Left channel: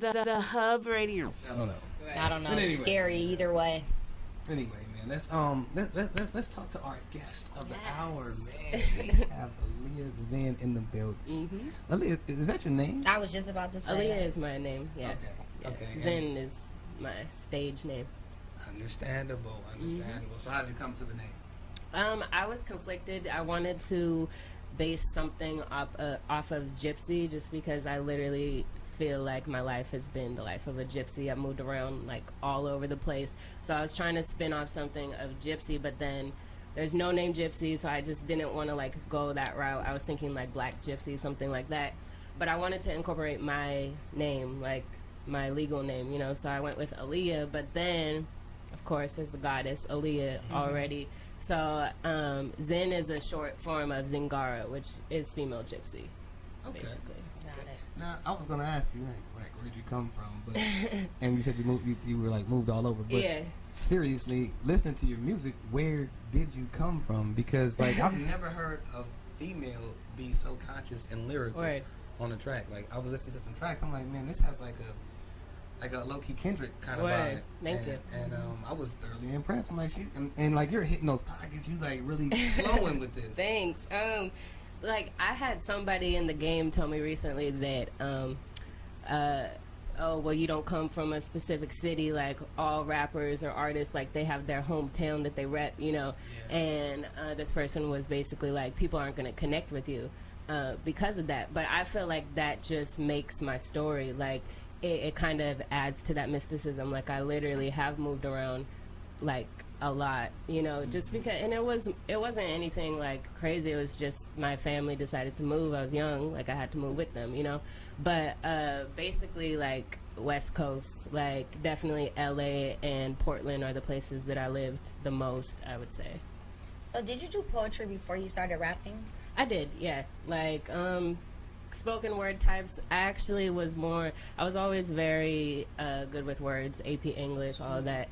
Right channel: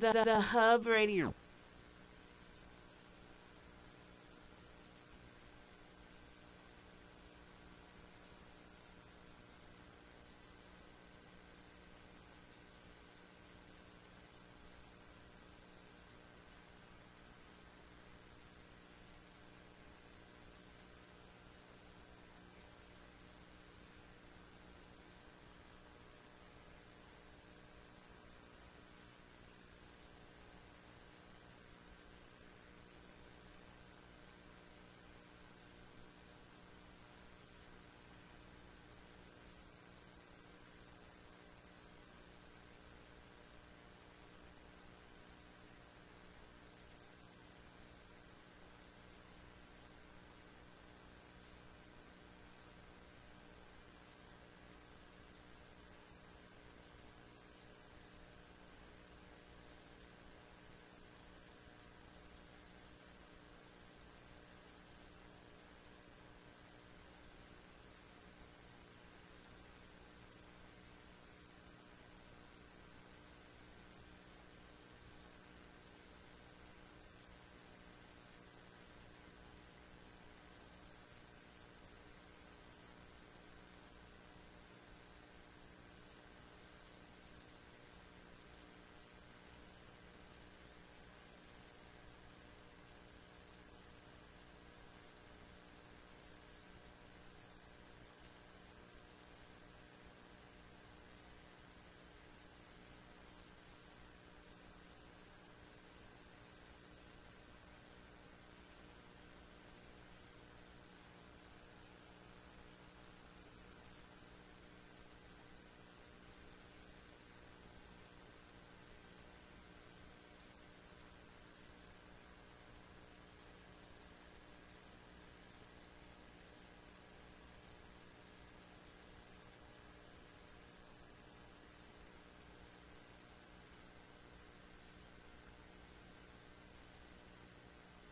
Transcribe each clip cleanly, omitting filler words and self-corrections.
the Hub Radio. I don't know. I don't know. But It's anyway. scary either way. Anyway, man, let's talk to our guest of the hour, man. We have Alia Zin in the building. Mm-hmm. Alia, is that your name? I was just about to say Alia that. is my name. Yeah. Okay. Yeah. Okay. Zin is my stage name. Understandable. So how did you come to the name? I was conflicted. I wanted to base something off of gypsy, just because I literally feel like my life has been the life of a gypsy. I've moved around like all over the place, so I was trying to spin off something of gypsy, but then there's no name gypsy, so I just didn't want to like go that route. I was thinking like black gypsy, something like that, but I wanted to incorporate my name, like my legal name, you know, so I went with Alia. But then of course there's the goddess Alia already, so Zin is a short form of Zingara, which is female gypsy, basically. Now, I was gonna ask you, like, where'd you come from? But and you said you were like moved all over. But Yeah. seriously, listening to your music, where did you come from? Because like I've never heard a female be so conscious and lyrical Word. on a track. Like I was listening to some tracks, I'm like, man, this has like a low key Kendrick kind of Word. vibe. Thank you. And I was thoroughly impressed. I'm like, and like you're hitting those pockets. You like really flowing with this. Thanks. Like I had somebody in the game tell me recently that, oh well, you don't come from a specific city. Like all rappers or artists, like they have their hometown that they rep, you know. Yeah. And this person was basically like, people aren't gonna connect with you because of that. But I feel like that just makes my story like it kind of adds to that mysticism. Like I literally have moved around, like a lot, you know, just because, and it wasn't anything like crazy. It was just my family decided to move. I was young, like I had to move with them, you know. But basically like West Coast, like definitely LA and Portland are the places that I lived the most, I would say. So did you do poetry before you started rapping? I did, yeah. Like spoken word types. I was always very good with words, AP English, all of that.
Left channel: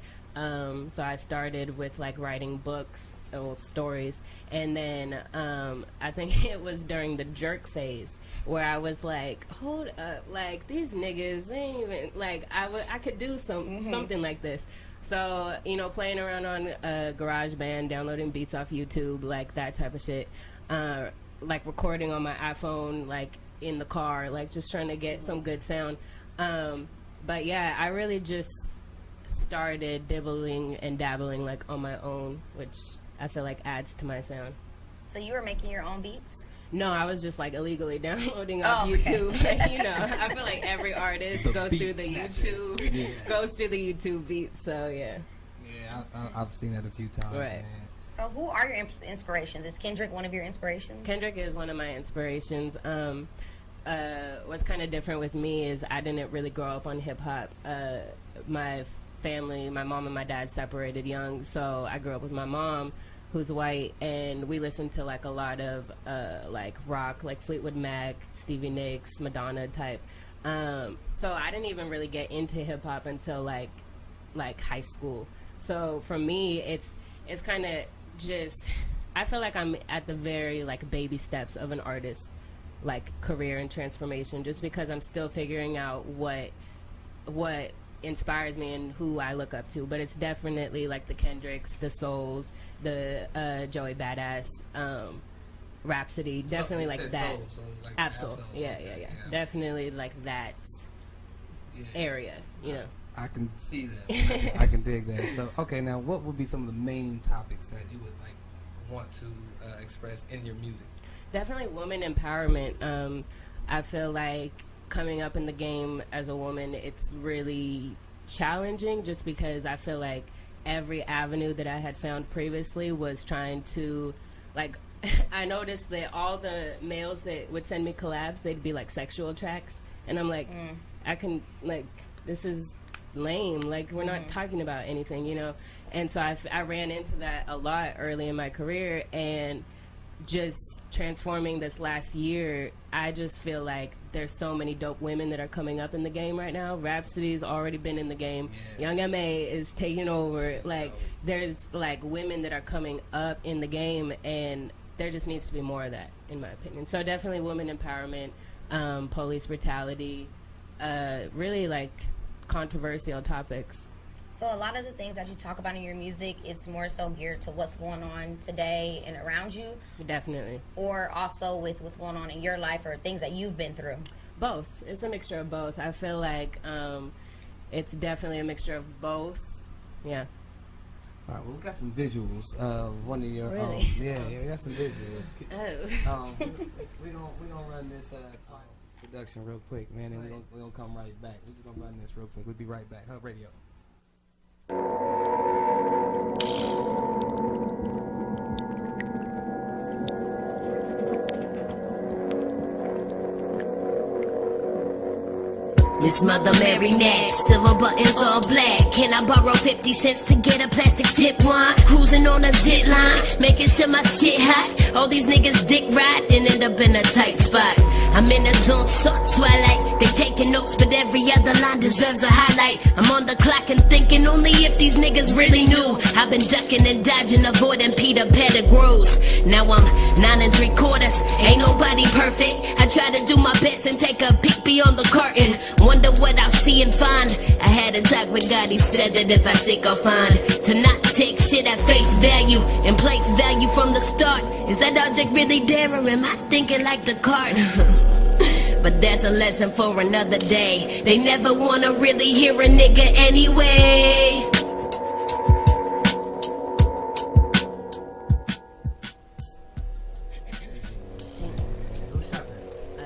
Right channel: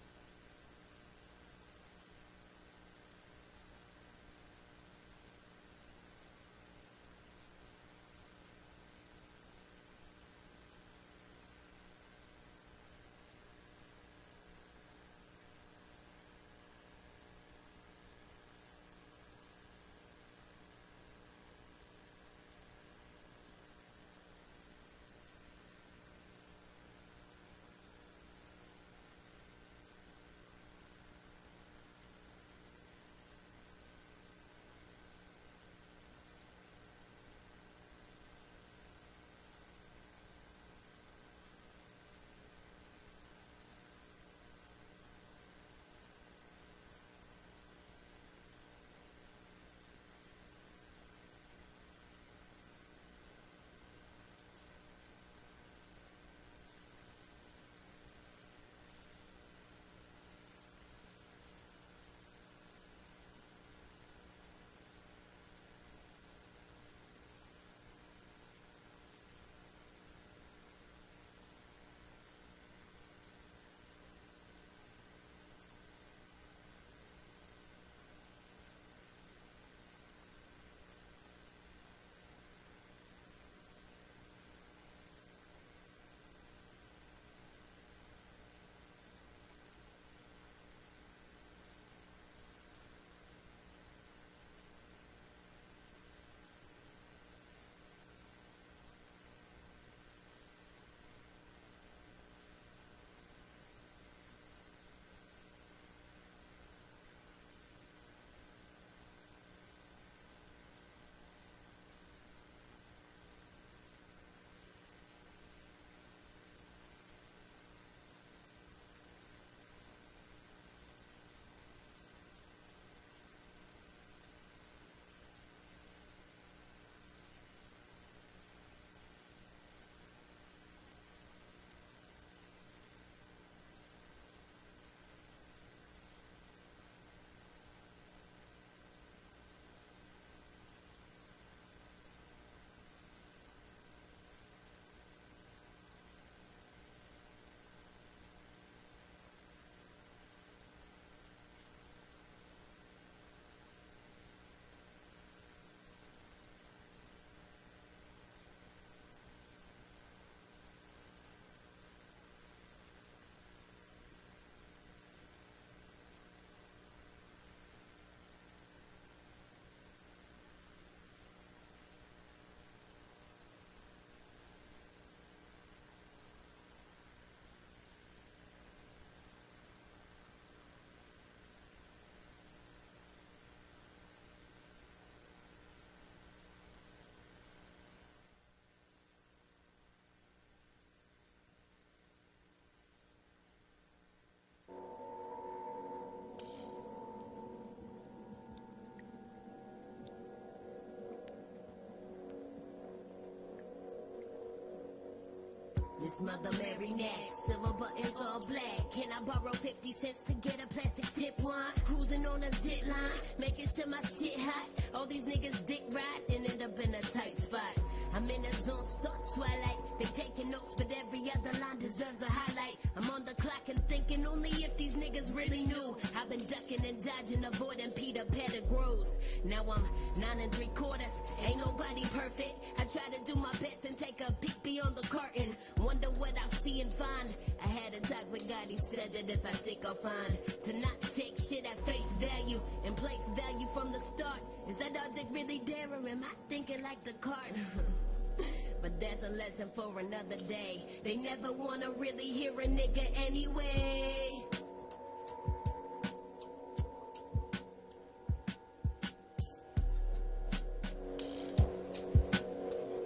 So I started with like writing books or stories, and then I think it was during the jerk phase where I was like, hold up, like these niggas ain't even like I could do something like this. So, you know, playing around on GarageBand, downloading beats off YouTube, like that type of shit, like recording on my iPhone, like in the car, like just trying to get some good sound. But yeah, I really just started dibbling and dabbling like on my own, which I feel like adds to my sound. So you were making your own beats? No, I was just like illegally downloading off okay. YouTube. Like, you know, I feel like every artist goes through the YouTube, goes through the YouTube beats. So yeah. Yeah, I've seen that a few times. Right. Man. So who are your inspirations? Is Kendrick one of your inspirations? Kendrick is one of my inspirations. What's kind of different with me is I didn't really grow up on hip hop. My family, my mom and my dad separated young, so I grew up with my mom, who's white, and we listened to like a lot of like rock, like Fleetwood Mac, Stevie Nicks, Madonna type. So I didn't even really get into hip hop until like high school. So for me, it's kind of just, I feel like I'm at the very like baby steps of an artist like career and transformation, just because I'm still figuring out what inspires me and who I look up to. But it's definitely like the Kendricks, the Souls, the Joey Badass, Rhapsody, definitely you like said that. soul, so like Absol. Yeah. Definitely like that area, you know. I can see that. I can dig that. So, okay, now what would be some of the main topics that you would like want to express in your music? Definitely woman empowerment. I feel like coming up in the game as a woman, it's really challenging, just because I feel like every avenue that I had found previously was trying to, like, I noticed that all the males that would send me collabs, they'd be like sexual tracks, and I'm like, I can, like, this is lame, like we're not talking about anything, you know. And so I ran into that a lot early in my career, and just transforming this last year, I just feel like there's so many dope women that are coming up in the game right now. Rhapsody's already been in the game. Young M.A. is taking over. Like, there's like women that are coming up in the game, and there just needs to be more of that, in my opinion. So definitely women empowerment, police brutality, really like controversial topics. So a lot of the things that you talk about in your music, it's more so geared to what's going on today and around you? Definitely. Or also with what's going on in your life or things that you've been through? Both. It's a mixture of both. I feel like it's definitely a mixture of both. Yeah. All right, well, we got some visuals. One of your, Really? we got some visuals. Oh. We gonna run this production real quick, man, and we gonna come right back. We're just gonna run this real quick. We'll be right back. Hub Radio. Miss Mother Mary next, silver buttons all black. Can I borrow 50 cents to get a plastic tip wine? Cruising on a zip line, making sure my shit hot. All these niggas dick ride and end up in a tight spot. I'm in a zone, so twilight. They taking notes, but every other line deserves a highlight. I'm on the clock and thinking only if these niggas really knew. I've been ducking and dodging, avoiding Peter Pettigrew's. Now I'm 9 3/4. Ain't nobody perfect. I try to do my best and take a peek beyond the curtain. Wonder what I'll see and find. I had a talk with God, he said that if I seek I'll find. To not take shit at face value and place value from the start. Is that object really there or am I thinking like the card? But that's a lesson for another day. They never wanna really hear a nigga anyway.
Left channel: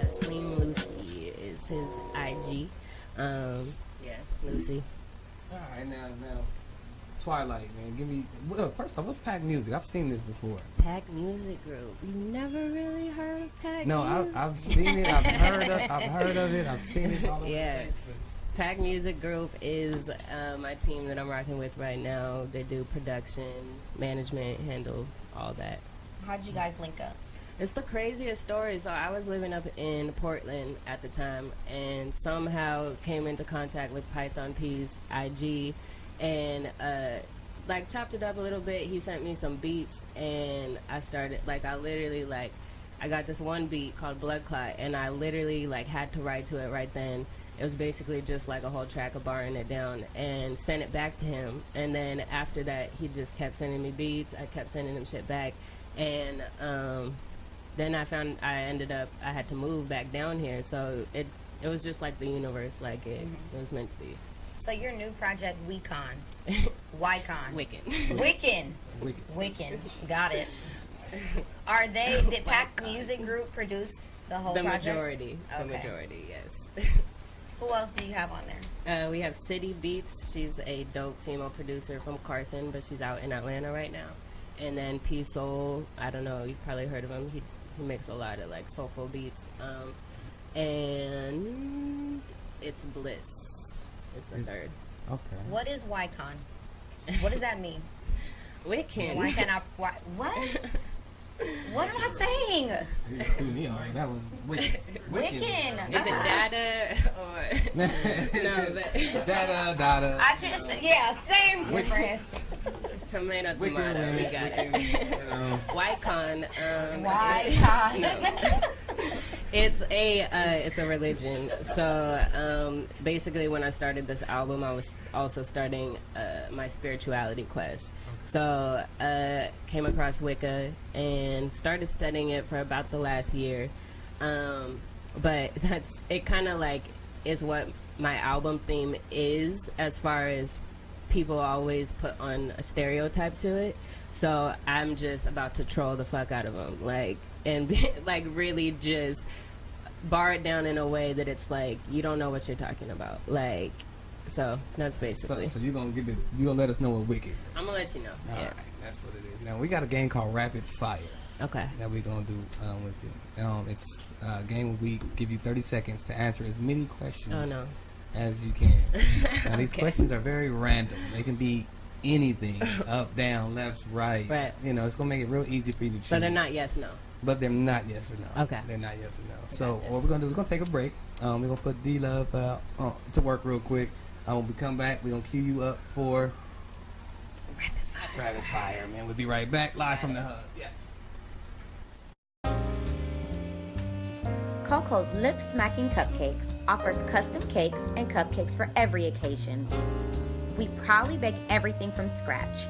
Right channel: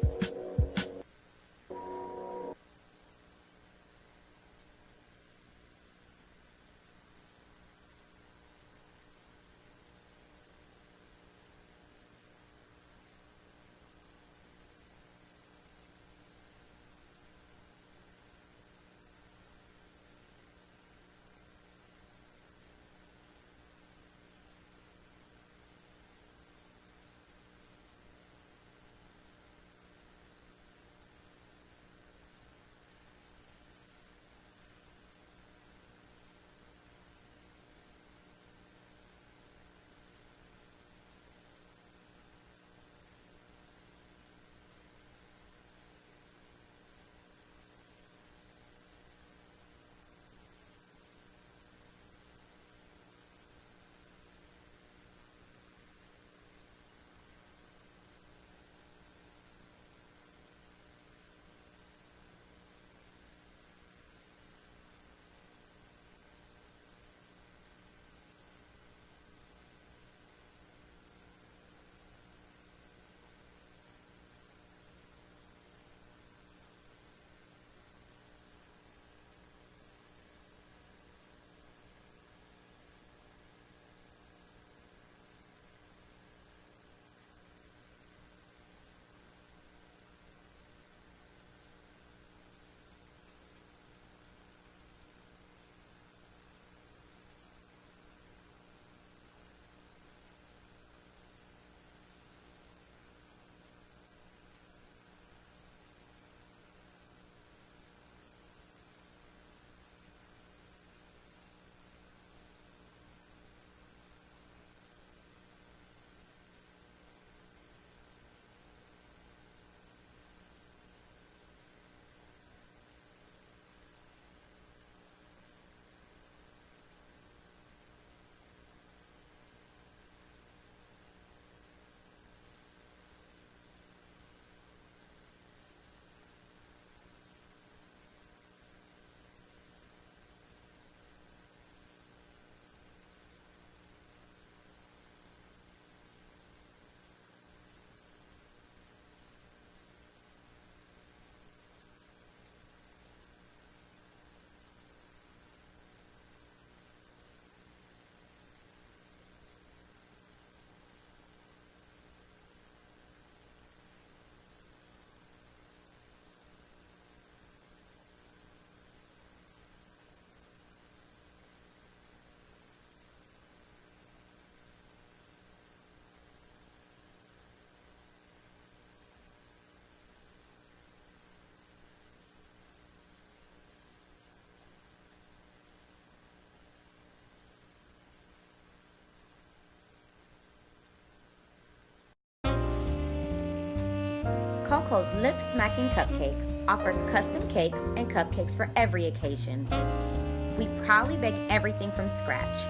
Slim Lucy is his IG. Yeah, Lucy. All right, now, Twilight, man. Give me first off, what's Pack Music? I've seen this before. Pack Music Group. You never really heard of Pack No, Music? I've seen it. I've heard of it. I've seen it all over Yeah. the place. Pack Music Group is my team that I'm rocking with right now. They do production, management, handle all that. How'd you guys link up? It's the craziest story. So I was living up in Portland at the time and somehow came into contact with Python P's IG and like chopped it up a little bit. He sent me some beats and I started I got this one beat called Blood Clot and I literally like had to write to it right then. It was basically just like a whole track of barring it down and sent it back to him. And then after that, he just kept sending me beats. I kept sending him shit back. And then I ended up, I had to move back down here. So it was just like the universe, like it was meant to be. So your new project, WeCon. Wycon. Wiccan. Wiccan. Got it. Did Pack Music Group produce the whole project? Majority. Okay. The majority, yes. Who else do you have on there? We have City Beats. She's a dope female producer from Carson, but she's out in Atlanta right now. And then P Soul, I don't know, you've probably heard of him. He makes a lot of like soulful beats. And it's Bliss. It's the third. Okay. What is Wycon? What does that mean? Wiccan. Why can I? What? What am I saying? You threw me on that one. Wiccan. Is it data or no? But Data. I just same difference. it's tomato. We Wiccan, got it. Wycon. Wycon. No. It's a religion. So basically, when I started this album, I was also starting my spirituality quest. So came across Wicca and started studying it for about the last year. But it kind of like is what my album theme is, as far as people always put on a stereotype to it. So I'm just about to troll the fuck out of them, like really just bar it down in a way that it's like you don't know what you're talking about, like. So that's basically. So you're gonna let us know what Wicked. I'm gonna let you know. All Yeah. right, that's what it is. Now we got a game called Rapid Fire. Okay. That we're gonna do with you. It's a game where we give you 30 seconds to answer as many questions Oh no. as you can. Now these Okay. questions are very random. They can be anything, up, down, left, right. Right. You know, it's gonna make it real easy for you to choose. So they're not yes no. But they're not yes or no. Okay. They're not yes or no. I So got what this. we're gonna do? We're gonna take a break. We're gonna put DLove to work real quick. When we come back, we're gonna cue you up for Rapid Fire, man. We'll be right back live from the hub. Yeah. SadityCoco's Lip Smacking Cupcakes offers custom cakes and cupcakes for every occasion. We proudly bake everything from scratch.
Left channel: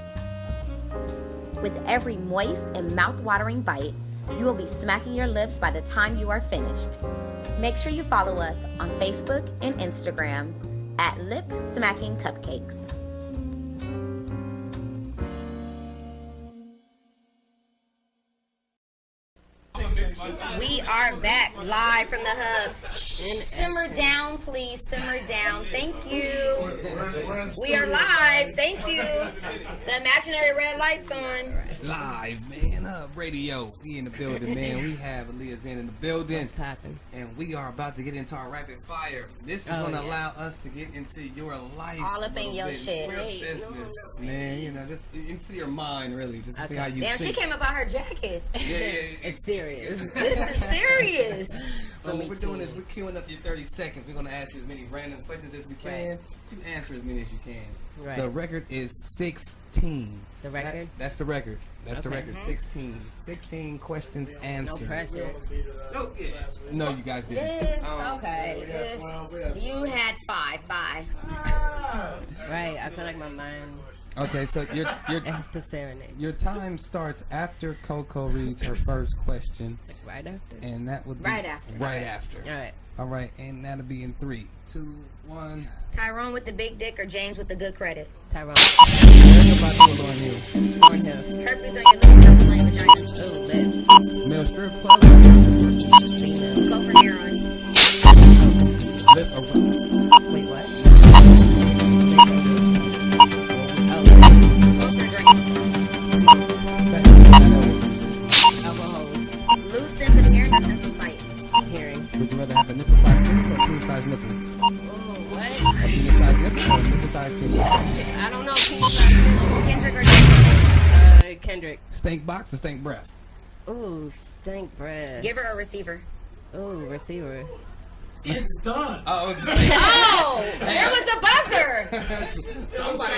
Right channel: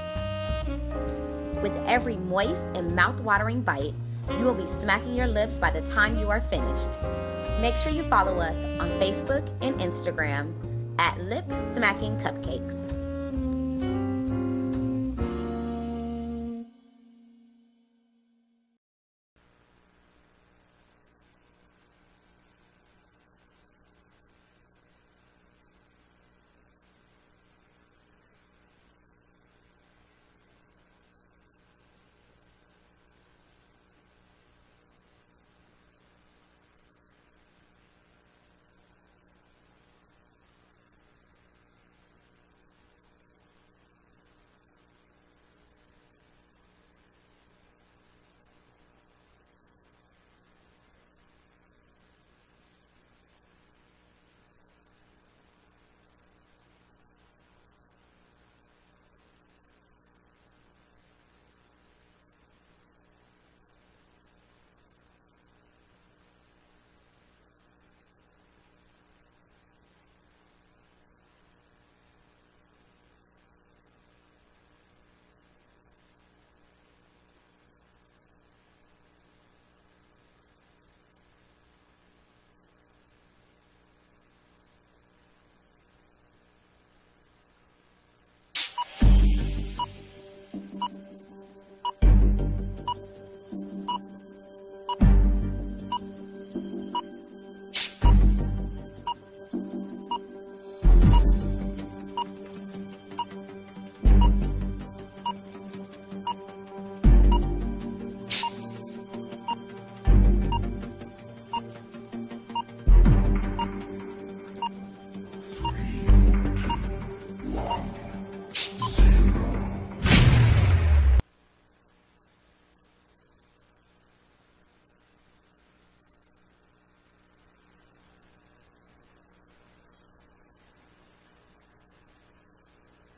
With every moist and mouth-watering bite, you will be smacking your lips by the time you are finished. Make sure you follow us on Facebook and Instagram at Lip Smacking Cupcakes. We are back live from the hub. Simmer down, please. Simmer down. Thank you. We are live. Thank you. The imaginary red light's on. Live, man. Radio. We in the building, man. We have Alia Zin in the building. What's poppin'? And we are about to get into our rapid fire. This is going to allow us to get into your life. All up in your shit. Your business, man. You know, just into your mind, really. Just to see how you Damn, think. she came up out her jacket. Yeah. It's serious. This is serious. So what we're doing is we're queuing up your 30 seconds. We're going to ask you as many random questions as we can. You can answer as many as you can. Right. The record is 16. The record? That's the record. That's the Okay. record. 16. 16 questions answered. No pressure. Oh, yeah. No, you guys didn't. This, okay. This, you had five. Bye. Right. I feel like my mind Okay, so has to serenade. your time starts after Coco reads her first question, Like right after? and that would be Right after. Right after. All right. All right, and that'll be in 3, 2, 1. Tyrone with the big dick or James with the good credit? Tyrone. Everybody on here. Cornhill. Herpes on your lips, herpes on your vagina. Ooh, lit. Male strip club. Female. Go for heroin. Lip or Wait, what? Alcohol. Loose sense of hearing or sense of sight? Hearing. Would you rather have a nipple size nipple or king size nipple? Oh, what? A king size nipple or a nipple size nipple? I don't know. Kendrick or Drake? Kendrick. Stank box or stank breath? Ooh, stank breath. Giver or receiver? Ooh, receiver. It's done. Oh, Oh! There was a buzzer! somebody.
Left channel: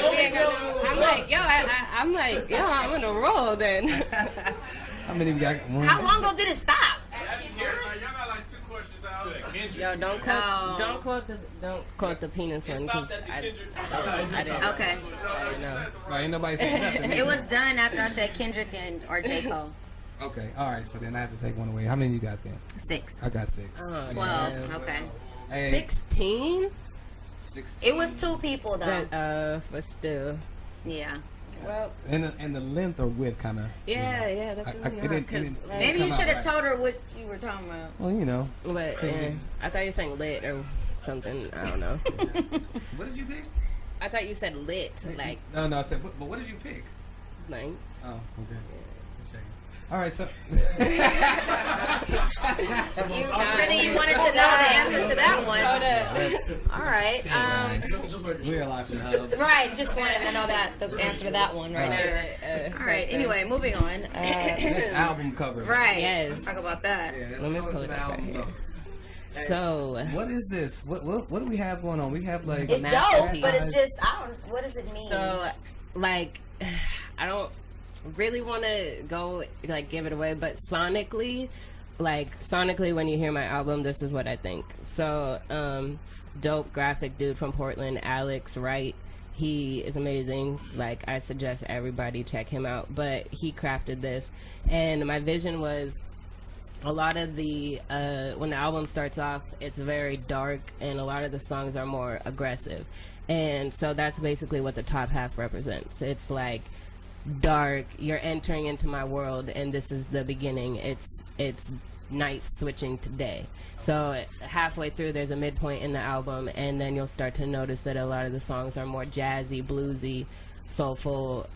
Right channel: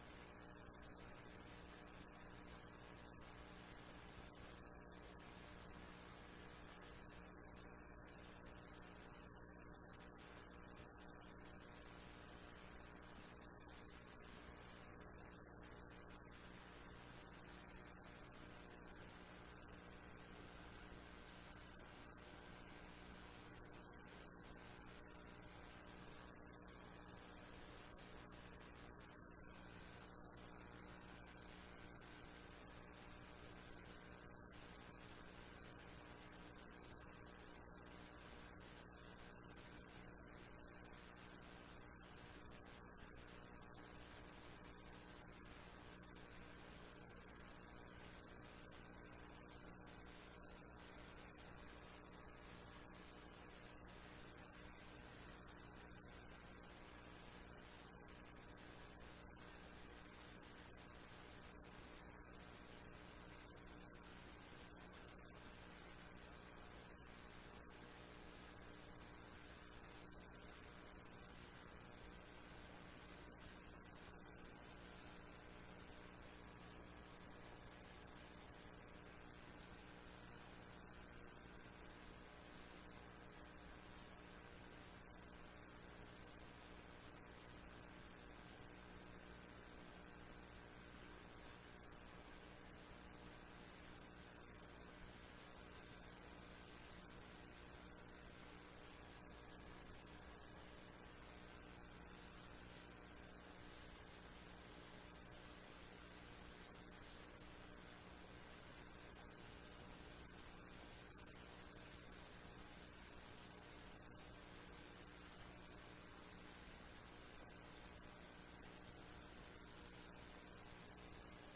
I'm like, yo, I'm on a roll then. How many we got? One. How long ago did it stop? Y'all got like 2 questions out. Yo, don't quote the penis one because I didn't. Okay. I didn't know. Right, ain't nobody saying nothing. It was done after I said Kendrick or J. Cole. Okay, all right. So then I have to take one away. How many you got then? 6. I got 6. 12. Okay. Hey, 16? 16. It was 2 people though. But still. Yeah. Well, And the length or width kind of. yeah, that's I- it didn't- because it Maybe come you out should have right. told her what you were talking about. Well, you know. But I thought you were saying lit or something. I don't know. What did you pick? I thought you said lit, like No, I said. But what did you pick? nine. Oh, okay. All right, so. Really, you wanted to know the answer to that one. All right. We're live in the hub. Right. Just wanted to know the answer to that one right there. All right. Anyway, moving on. Next album cover. Right. Yes. Let's talk about that. Yeah, let's Let me go pull into it the up album right here. cover. So What is this? What do we have going on? We have like. It's dope, masterpiece. but it's just what does it mean? So, like, I don't really want to go like give it away, but sonically, when you hear my album, this is what I think. So, dope graphic dude from Portland, Alex Wright. He is amazing. Like, I suggest everybody check him out. But he crafted this, and my vision was a lot of the when the album starts off, it's very dark, and a lot of the songs are more aggressive. And so that's basically what the top half represents. It's like dark, you're entering into my world, and this is the beginning. It's night switching to day. So halfway through, there's a midpoint in the album, and then you'll start to notice that a lot of the songs are more jazzy, bluesy, soulful,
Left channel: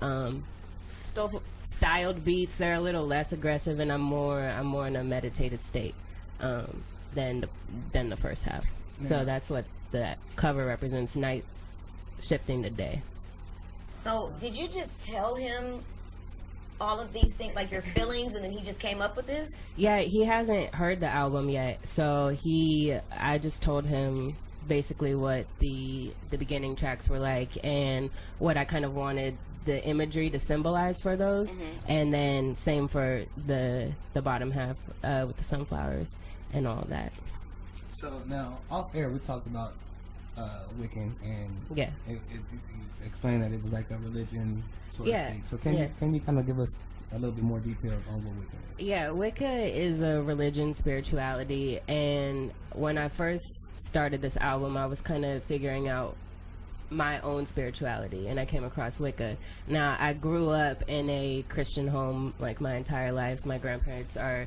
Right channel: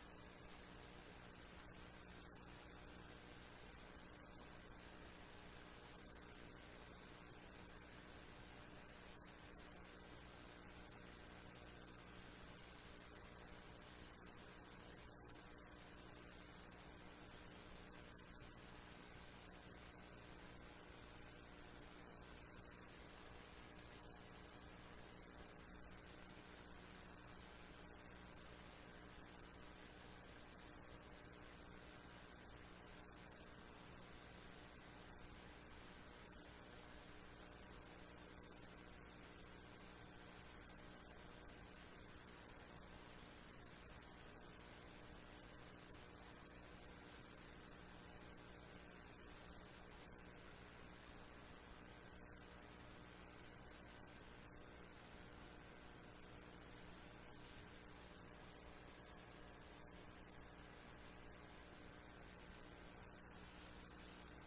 still styled beats. They're a little less aggressive, and I'm more in a meditated state than the first half. Yeah. So that's what the cover represents: night shifting to day. So, did you just tell him all of these things, like your feelings, and then he just came up with this? Yeah, he hasn't heard the album yet, so I just told him basically what the beginning tracks were like and what I kind of wanted the imagery to symbolize for those, and then same for the bottom half with the sunflowers. and all that. So now, off air, we talked about Wiccan, and Yeah. it explained that it was like a religion, so to Yeah. speak. So can you kind of give us a little bit more details on what Wiccan is? Yeah, Wicca is a religion, spirituality, and when I first started this album, I was kind of figuring out my own spirituality, and I came across Wicca. Now, I grew up in a Christian home like my entire life. My grandparents are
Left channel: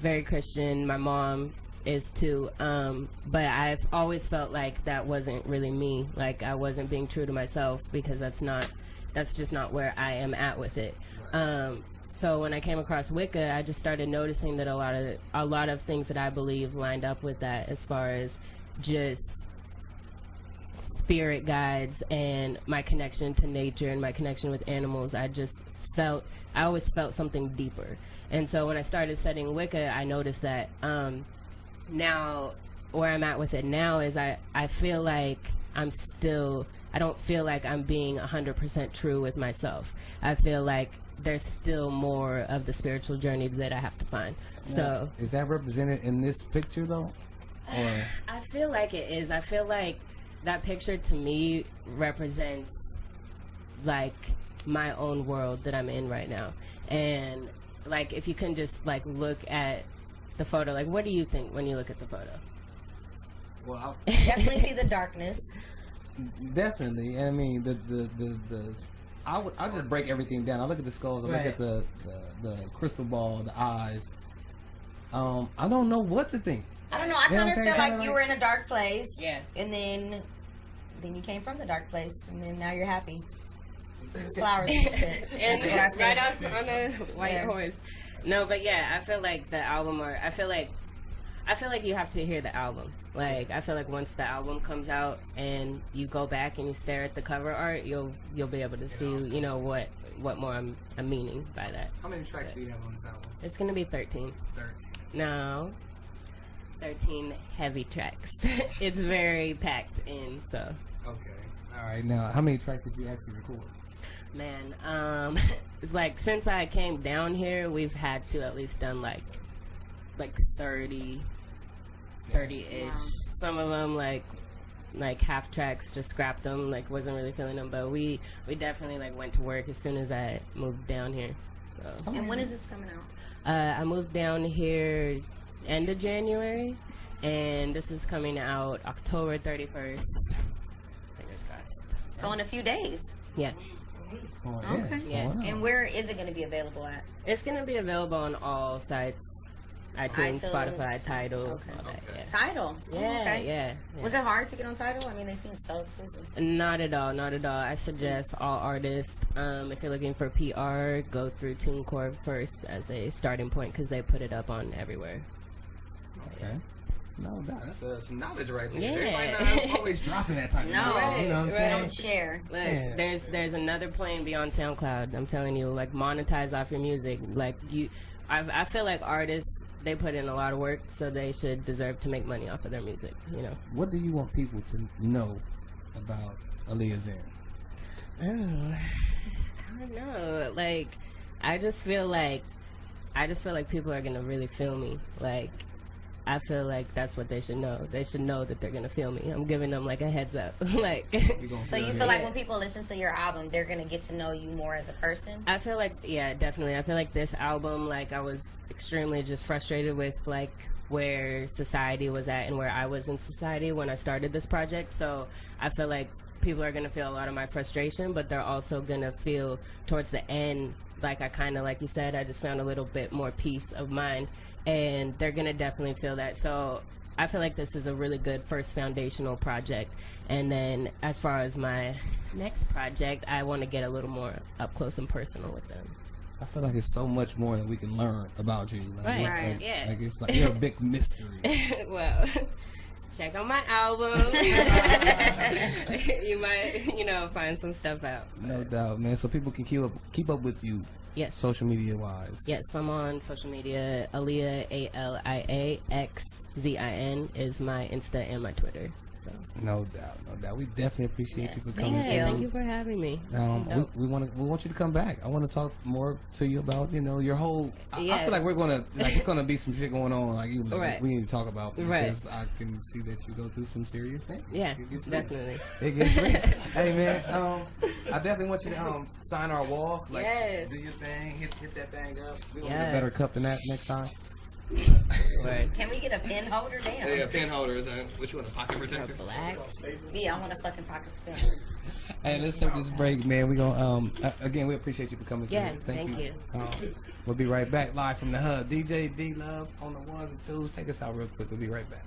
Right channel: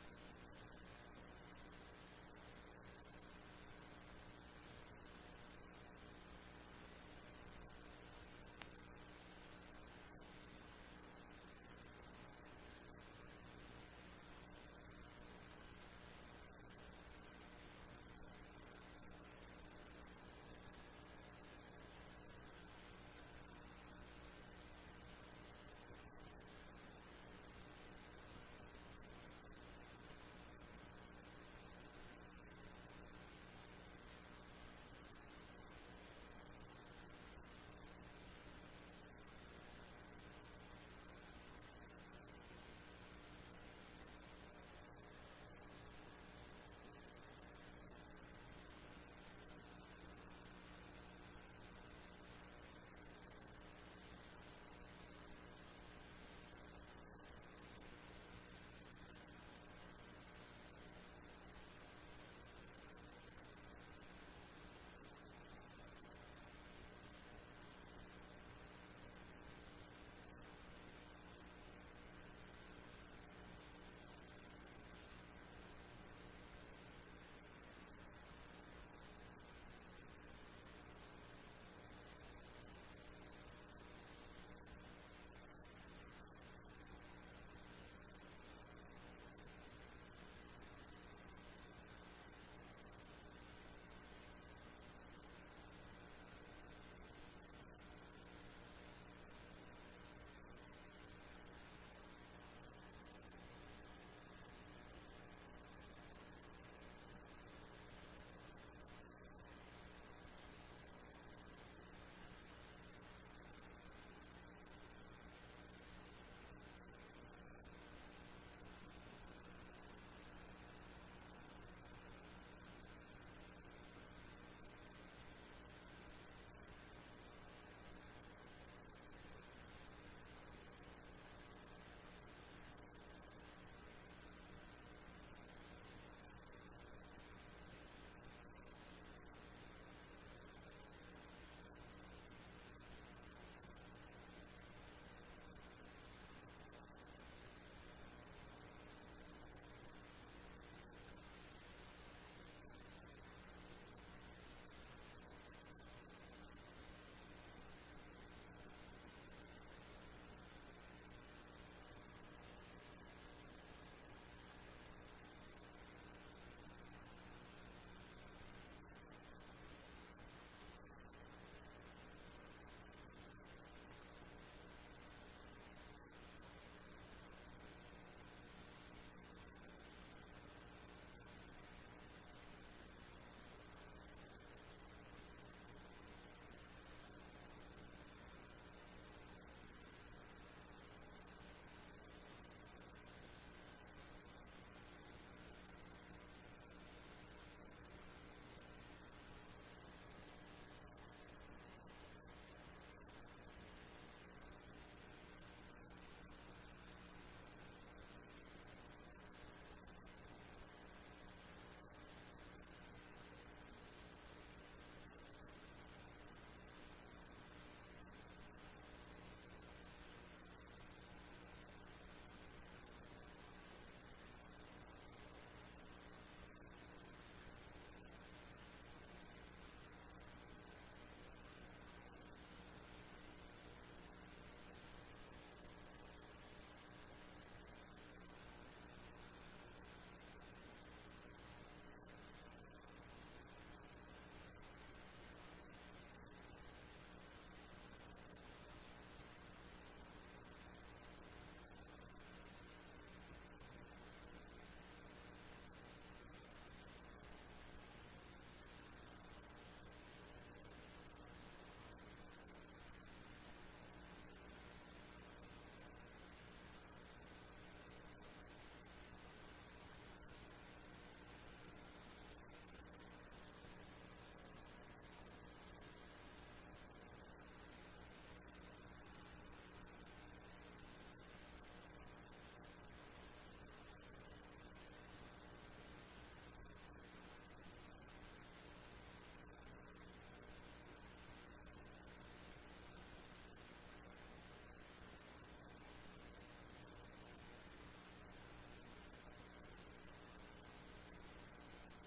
very Christian. My mom is too, but I've always felt like that wasn't really me. Like, I wasn't being true to myself, because that's just not where I am at with it. So when I came across Wicca, I just started noticing that a lot of things that I believe lined up with that, as far as just spirit guides and my connection to nature and my connection with animals. I always felt something deeper. And so when I started studying Wicca, I noticed that now where I'm at with it now is I feel like I don't feel like I'm being 100% true with myself. I feel like there's still more of the spiritual journey that I have to find. Now, So is that represented in this picture though? Or I feel like it is. I feel like that picture to me represents like my own world that I'm in right now. And like, if you can just like look at the photo, like, what do you think when you look at the photo? well, Definitely see the darkness. definitely. I mean, I'll just break everything down. I look at the skulls. I look Right. at the crystal ball, the eyes. I don't know what to think. I don't know. I You know kind what of I'm feel saying? like you were in a dark place. Yeah. And then you came from the dark place, and then now you're happy. This is flowers. and shit. And That's what I said. right on a white Yeah. horse. No, but yeah, I feel like the album, or I feel like you have to hear the album. Like, I feel like once the album comes out and you go back and you stare at the cover art, you'll be able to see, you know, what more I'm meaning by that. How many tracks do you have on this album? It's gonna be 13. 13. No, 13 heavy tracks. It's very packed in. So, Okay. All right. Now, how many tracks did you actually record? man, it's like, since I came down here, we've had to at least done like 30-ish. Wow. Some of them like half tracks, just scrapped them, like wasn't really feeling them. But we definitely like went to work as soon as I moved down here. So And when is this coming out? I moved down here end of January, and this is coming out October 31st. Fingers crossed. So in a few days. Yeah, It's going, Okay. it's Yeah. going out. And where is it going to be available at? it's gonna be available on all sites: iTunes, iTunes. Spotify, Tidal, Okay. all that. Yeah. Tidal. Oh, Yeah, okay. yeah. Was it hard to get on Tidal? I mean, they seem so exclusive. Not at all, not at all. I suggest all artists, if you're looking for PR, go through TuneCore first as a starting point, because they put it up on everywhere. Okay. No, that's some knowledge right there. Yeah. Everybody not always dropping that type of No. knowledge. You know what I'm Right. saying? Don't share. Look, Yeah. there's another plane beyond SoundCloud. I'm telling you, like, monetize off your music. Like, I feel like artists, they put in a lot of work, so they should deserve to make money off of their music, you know. What do you want people to know about Alia Zin? Oh, I don't know. Like, I just feel like people are gonna really feel me. Like, I feel like that's what they should know. They should know that they're gonna feel me. I'm giving them like a heads up. Like, So you feel like when people listen to your album, they're going to get to know you more as a person? I feel like, yeah, definitely. I feel like this album, like, I was extremely just frustrated with like where society was at and where I was in society when I started this project. So I feel like people are gonna feel a lot of my frustration, but they're also gonna feel towards the end, like, I kind of, like you said, I just found a little bit more peace of mind, and they're gonna definitely feel that. So I feel like this is a really good first foundational project. And then as far as my next project, I want to get a little more up close and personal with them. I feel like it's so much more that we can learn about you. Like, Right. it's Right. like, Yeah. like it's like you're a big mystery. Well, check out my album. You might, find some stuff out. No doubt, man. So people can keep up with you, Yes. social media wise. Yes, I'm on social media. Alia, ALIAXZIN is my Insta and my Twitter. So. No doubt, no doubt. We definitely appreciate you for Thank coming. you. Thank you for having me. We want you to come back. I want to talk more to you about your whole. I Yes. feel like we're gonna it's gonna be some shit going on Right. we need to talk about because Right. I can see that you go through some serious things. Yeah, It gets real. definitely. It gets real. Hey man, I definitely want you to sign our wall. Like, Yes. do your thing, hit that thing up. We gonna get Yes. a better cup than that next time. Right. Can we get a pin holder? Damn. Yeah, pen holders. What you want, a pocket protector? Black. Yeah, I want a fucking pocket protector. Hey, let's take this break, man. We gonna again, we appreciate you for coming. Yeah, through. thank you. We'll be right back live from the hub. DJ DLove on the ones and twos. Take us out real quick. We'll be right back.